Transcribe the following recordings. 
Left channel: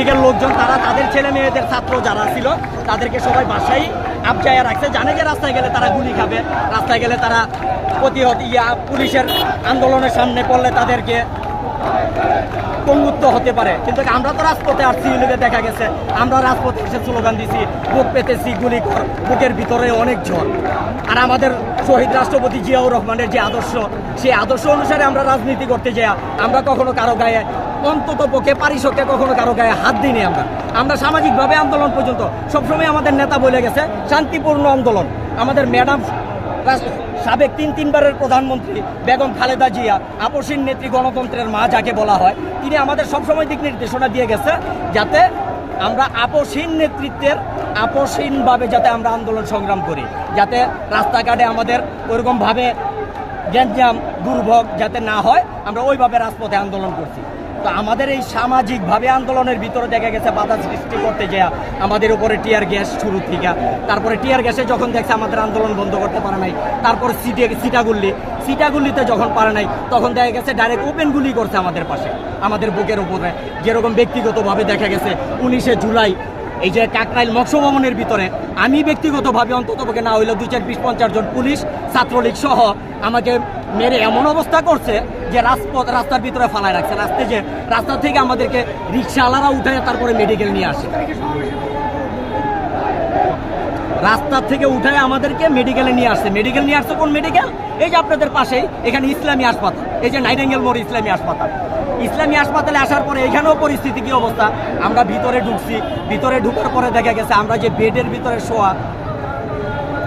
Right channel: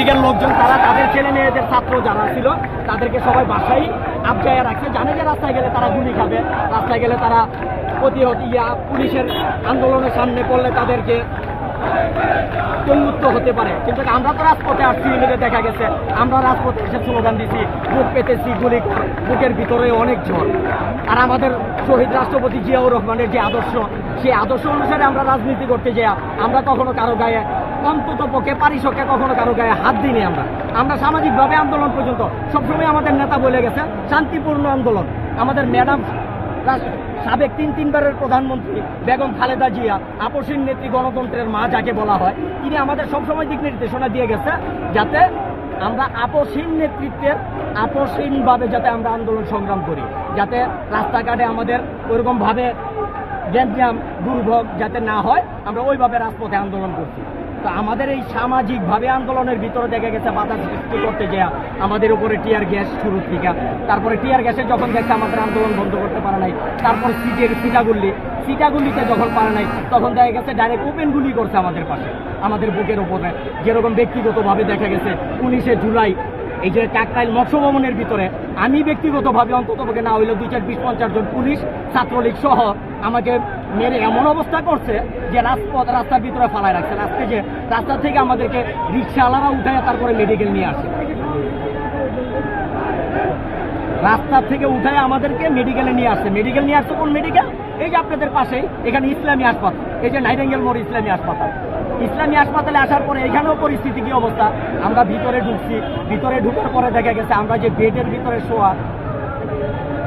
লীগের লোকজন তারা তাদের ছেলে মেয়েদের ছাত্র যারা ছিল তাদেরকে সবাই বাসায় আবজায়া রাখছে, জানে যে রাস্তায় গেলে তারা গুলি খাবে, রাস্তায় গেলে তারা প্রতিহত পুলিশের আন্দোলনের সামনে পড়লে তাদেরকে পঙ্গুত্ব হতে পারে। কিন্তু আমরা তো রাজপথে আসছি, দেখা গেছে আমরা রাজপথে এসে স্লোগান দিছি, বুক পেতেছি গুলি কর, বুকের ভিতরে অনেক ঝড়। আর আমাদের শহীদ রাষ্ট্রপতি জিয়াউর রহমানের যে আদর্শ, সেই আদর্শ অনুসারে আমরা রাজনীতি করতে যাই। আমরা কখনো কারো গায়ে, অন্তত পক্ষে পারিষদকে কখনো কারো গায়ে হাত দিইনি। আমরা সামাজিকভাবে আন্দোলন পর্যন্ত সবসময় আমাদের নেতা বলে গেছে শান্তিপূর্ণ আন্দোলন। আমাদের ম্যাডাম সাবেক তিনবারের প্রধানমন্ত্রী বেগম খালেদা জিয়া, আপসীন নেত্রী, গণতন্ত্রের মা যাকে বলা হয়, তিনি আমাদের সবসময় দিক নির্দেশনা দিয়ে গেছে যাতে আমরা আপসীন নেতৃত্বের আপসীনভাবে যাতে আমরা আন্দোলন সংগ্রাম করি, যাতে রাস্তাঘাটে আমাদের ওইরকমভাবে গ্যাঞ্জাম দুর্ভোগ যাতে না হয়, আমরা ওইভাবে রাজপথে আন্দোলন করছি। তো আমাদের এই সামাজিকভাবে আন্দোলনের ভিতরে দেখা গেছে বাধা সৃষ্টি করতে গিয়ে আমাদের উপরে টিয়ার গ্যাস শুরু থেকে, তারপরে টিয়ার গ্যাসে যখন দেখছে আমাদের আন্দোলন বন্ধ করতে পারে নাই, তারপর সিটাগুলিতে যখন পারে নাই, তখন দেখা গেছে ডাইরেক্ট ওপেন গুলি করছে আমাদের পাশে, আমাদের বুকের উপরে। যেরকম ব্যক্তিগতভাবে দেখা গেছে 19শে জুলাই এই যে কাকরাইল মৎস্য ভবনের ভিতরে আমি ব্যক্তিগতভাবে অন্ততপক্ষে না হইলে 2-4-20-50 জন পুলিশ ছাত্রলীগ সহ আমাকে মেরে এমন অবস্থা করছে যে রাস্তার ভিতরে ফালায় রাখছে। রাস্তা থেকে আমাদেরকে রিক্সাওয়ালারা উঠে তারপরে মেডিকেল নিয়ে আসে, রাস্তা থেকে উঠে আমাদেরকে মেডিকেলে নিয়ে আসছে। মেডিকেল নিয়ে আসছে কোন মেডিকেল? এই যে আপনাদের পাশেই এখানে ইসলামী হাসপাতাল, এই যে নাইটেঙ্গেল মোড় ইসলামী হাসপাতাল। ইসলামী হাসপাতালে আসার পরে এখানেও পরিস্থিতি কি অবস্থা, আমরা ভিতরে ঢুকছি, ভিতরে ঢুকার পরে দেখা গেছে আমরা যে বেডের ভিতরে শোয়া,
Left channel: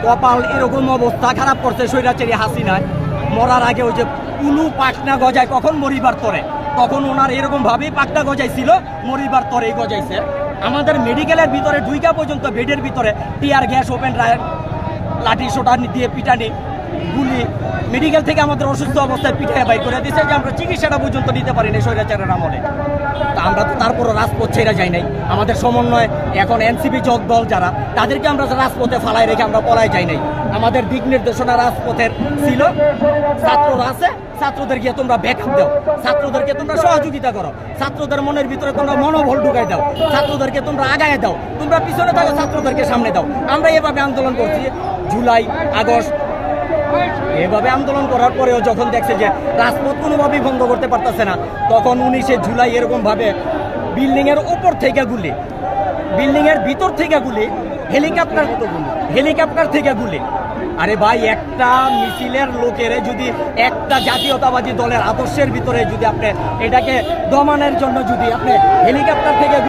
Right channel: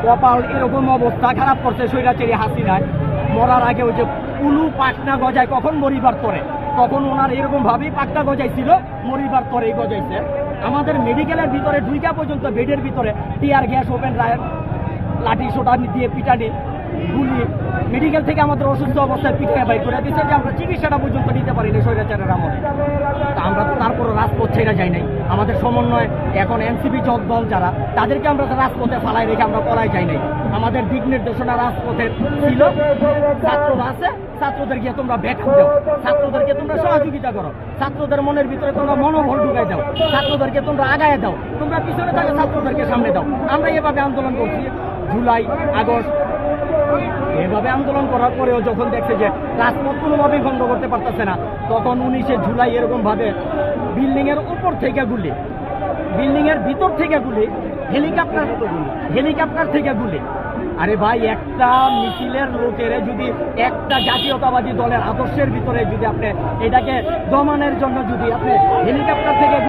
কপাল এরকম অবস্থা খারাপ করছে স্বৈরাচারী হাসিনায়। মরার আগে ওই যে উলু পাকনা গজায় কখন মরিবার তরে, তখন ওনার এরকম ভাবেই পাকনা গজাইছিল, মরিবার তরেই গজাইছে। আমাদের মেডিকেলের ভিতরে ঢুইকা পর্যন্ত বেডের ভিতরে টিয়ার গ্যাস, ওপেন রায়ের লাঠি সোটা দিয়ে পিটানি, গুলি, মেডিকেল থেকে আমাদের অসুস্থ অবস্থায় পিঠায় বাই করে দিয়েছে যে আমরা চিকিৎসাটা পর্যন্ত নিতে পারিনি স্বৈরাচারের আমলে। তা আমরা তো তারপরে রাজপথ ছেড়ে যাই নাই। আমাদের সমন্বয় এখন এনসিপি যোগ দল যারা, তাদেরকে আমরা রাজপথে ফালায় রেখে আমরা পলায় যাই নাই। আমাদের দিক নির্দেশনা রাজপথের ছিল, ছাত্ররা আছে, ছাত্রদেরকে তোমরা ব্যাকআপ দাও, ছাত্রদেরকে তোমরা সহযোগিতা করো, ছাত্রদের মনের ভিতরে তোমরা মনোবল ঢুকাই দাও, ছাত্রদেরকে তোমরা আগায় দাও, তোমরা পিছনে থাকো, ছাত্রদেরকে সামনে দাও। আমরা এভাবে আন্দোলন করছি জুলাই, আগস্ট। এভাবে আন্দোলন করার পরেও যখন দেখছে যে রাজপথ কোনোভাবেই বন্ধ করতে পারতেছে না, তখন 19শে জুলাই এরকমভাবে বিল্ডিংয়ের ওপর থেকে গুলি, বিল্ডিংয়ের ভিতর থেকে গুলি, হেলিকপ্টার থেকে গুলি। আরে ভাই, একটা মিছিলের লোকের যদি একটা জাতীয়তাবাদী দলের আদর্শের ভিতরে যদি আপনি এটাকে দমানোর জন্য যদি আপনি হেলিকপ্টার থেকে